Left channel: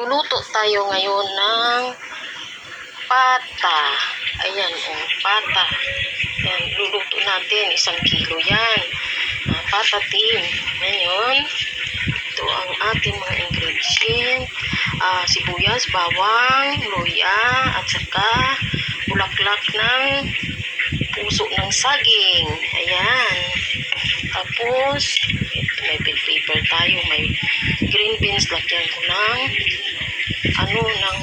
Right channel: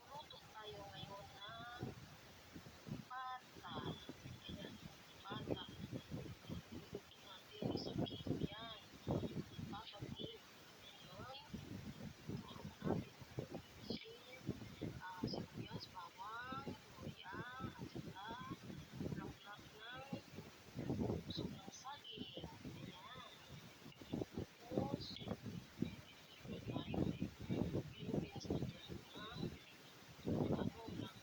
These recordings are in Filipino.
Magluluto tayo ngayon ng pata. Ayan, pata. Ayan, luluto natin. 1 kilo yan. Pata tin. Ngayon, ito ang ating mga ingredient. Sibuyas, bawang, luya, at saka bulaklak ng puso ng saging. Ayan. Tapos, may bell pepper tayo. May green beans. Lagyan ko ng ng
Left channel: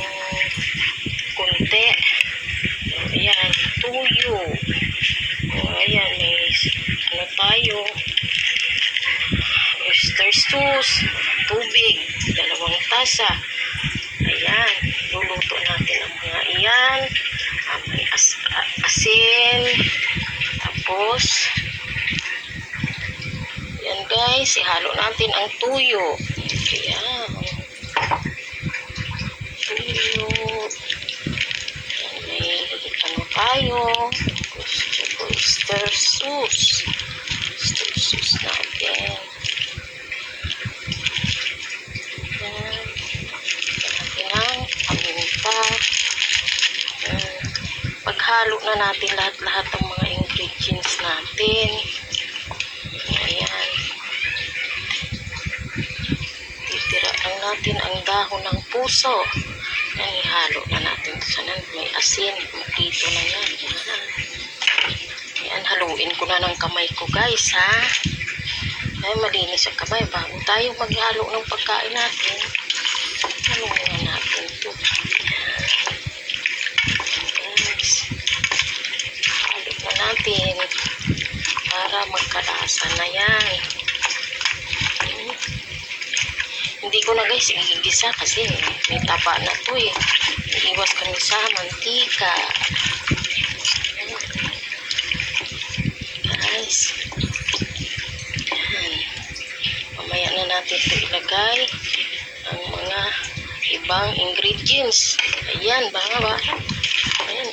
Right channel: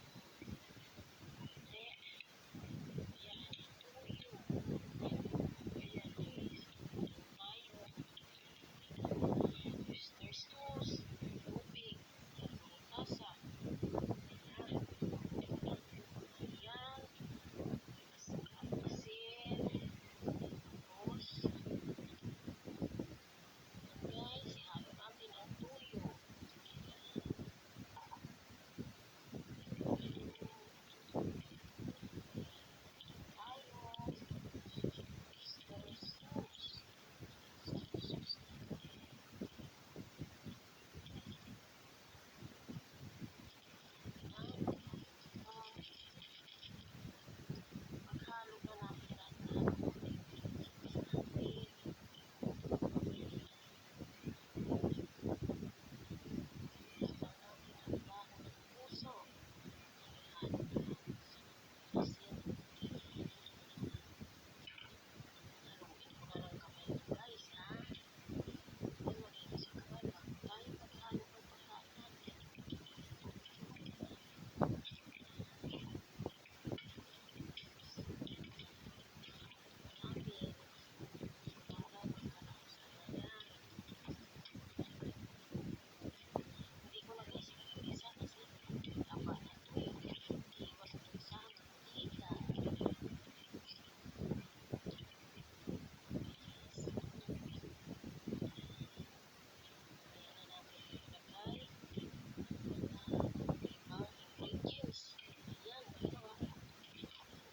konti. Ayan, tuyo. Ayan, may tayo. Oyster sauce, tubig, 2 tasa. Ayan, luluto natin ang mga iyan. May asin. Tapos, yan guys, ihalo natin ang tuyo. Ayan. Tuyo. Ayan, may tayo. Oyster sauce. Oyster sauce natin. Ayan. Natin ang paminta. Paghalo na natin lahat-lahat ng mga ingredients natin. Ayan. Titira lang natin ang dahon ng puso. Yan, ihalo na natin. Sana may asin. Makito na yan. Ayan, haluin ko na ng kamay ko guys, ha. Ay, malinis ang kamay. Bago tayo maghalo ng pagkain natin, haluin na natin ito. Yes. Halo na natin para magkalasa na yan. Hindi ko na guys igigisa kasi may taba na to eh. Iwas kami sa mantika. Guys. Ayan. Mamaya na natin ito ilagay ang mga ibang ingredients. Ayan, baka. Ayan.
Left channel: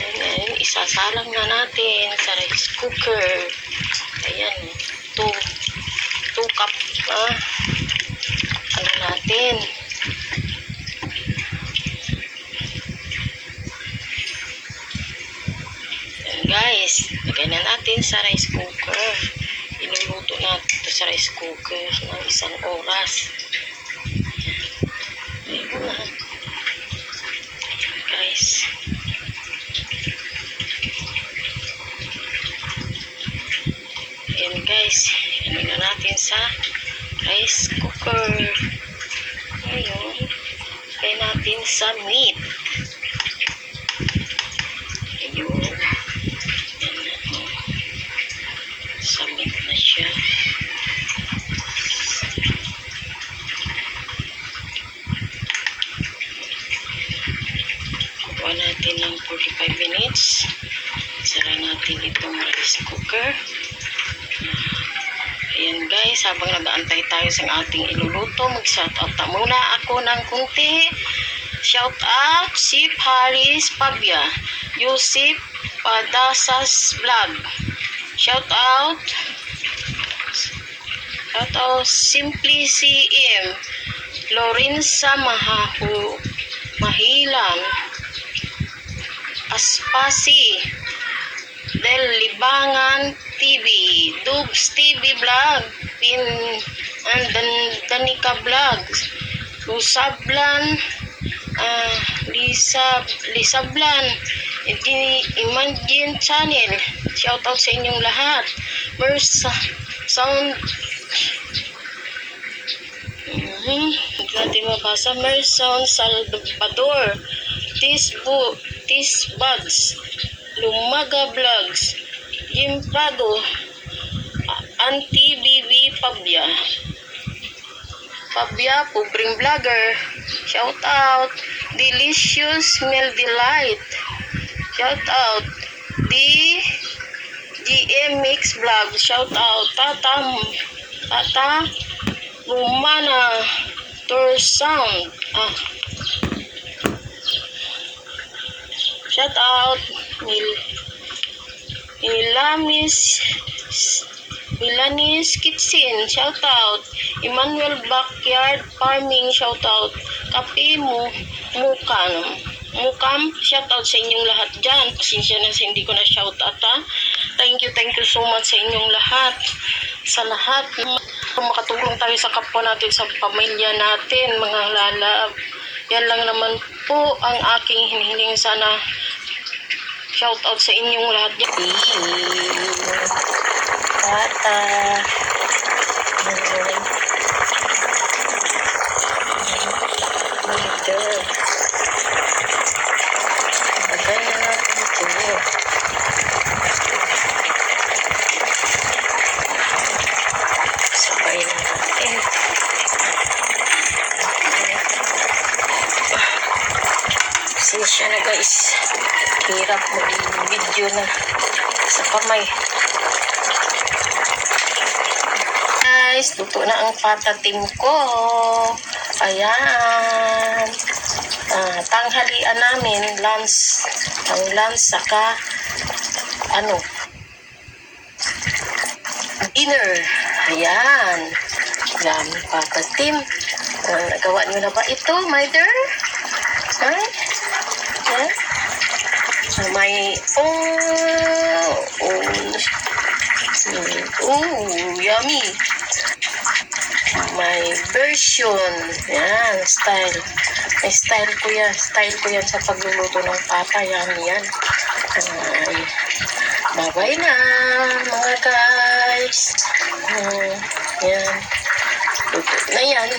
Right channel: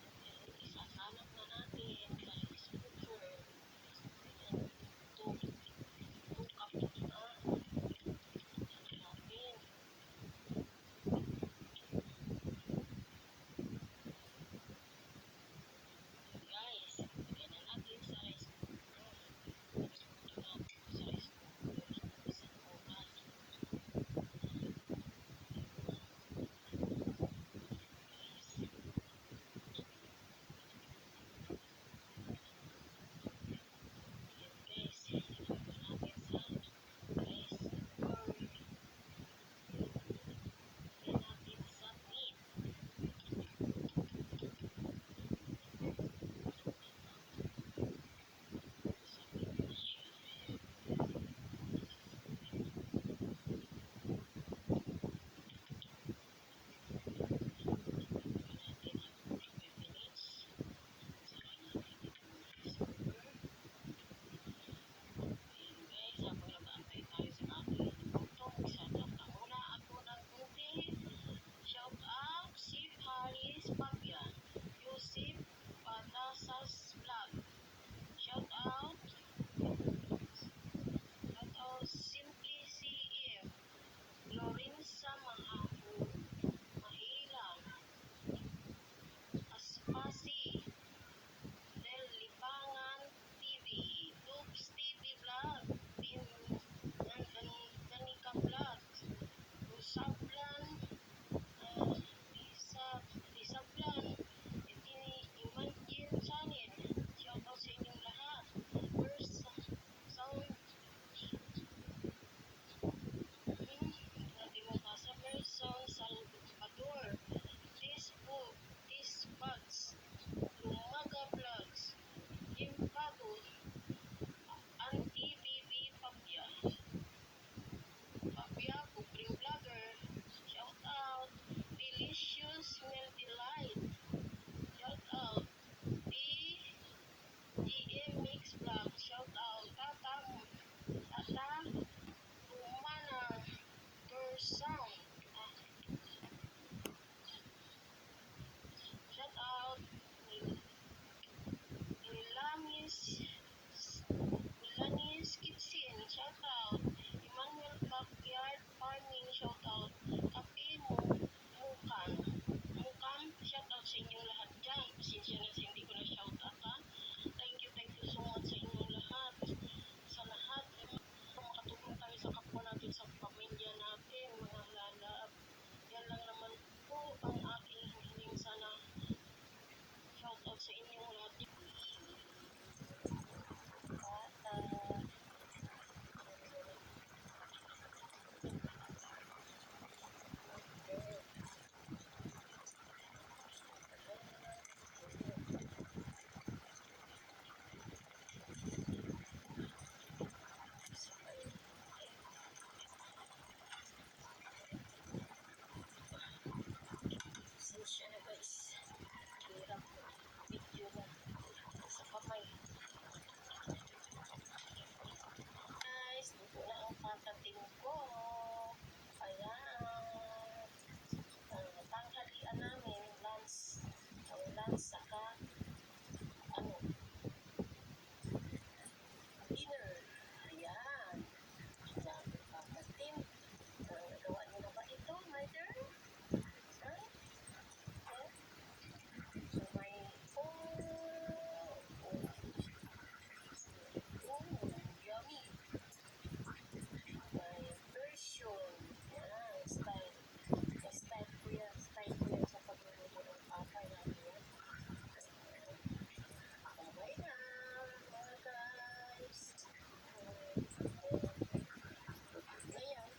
Ayan. Isasalang na natin sa rice cooker. Ayan. 2 cup natin. Ayan guys, lagay na natin sa rice cooker. Iluluto natin ito sa rice cooker ng 1 oras. Ayan na guys. Ayan guys, ano na natin sa rice cooker. Ngayon, lagay natin sa meat. Ayun. Sa meat na siya. Kuha natin ng 45 minutes. Sara natin itong rice cooker. Ayan guys, habang nag-aantay tayo sa ating iluluto, mag-shoutout muna ako ng kunti. Shoutout si Paris Pabia, Yusip Padasas Vlog. Shoutout Simply CM, Lorenza Mahilan, Aspasi Del Libangan TV, Dubs TV Vlog, and Danica Vlogs, Lusablan, Lisablan, Imagine Channel. Shoutout sa inyong lahat. Sound natin mabasa. Merson Salvador, Tisbugs, Lumaga Vlogs, Jim Prado, Auntie Bibi Pabia, Pobreng Vlogger. Shout out Delicious Meal Delight. Shout out GM Mix Vlog. Shout out Tata Romana Tour Sound. Shout out Ilanis Kitchen, shout out. Emmanuel Backyard Farming, shout out. Kape Mukam, shout out sa inyong lahat dyan. Pasensya na sa hindi ko na shout out ha. Thank you so much sa inyong lahat. Sa lahat. Makatulong tayo sa kapwa natin, sa pamilya natin, mga lalab. Yan lang naman po ang aking hinihiling. Sana shout out sa inyong lahat dyan. Bata. Leader. Bagay na natin ito. Sabay na natin. Pasensya na guys. Hirap mag-video na sa kamay. Guys, luto na ang patatim ko. Ayan. Tanghalian namin, lunch. Ang lunch saka dinner. Ayan. Dami patatim. Nagawa nyo na ba ito, my dear? Ay? Yeah? May yummy. May version. Yan, style. May style ko yan. Style ko yan sa pagluluto ng papa. Yan. Bye-bye na, mga guys. Yan. Luto na yan.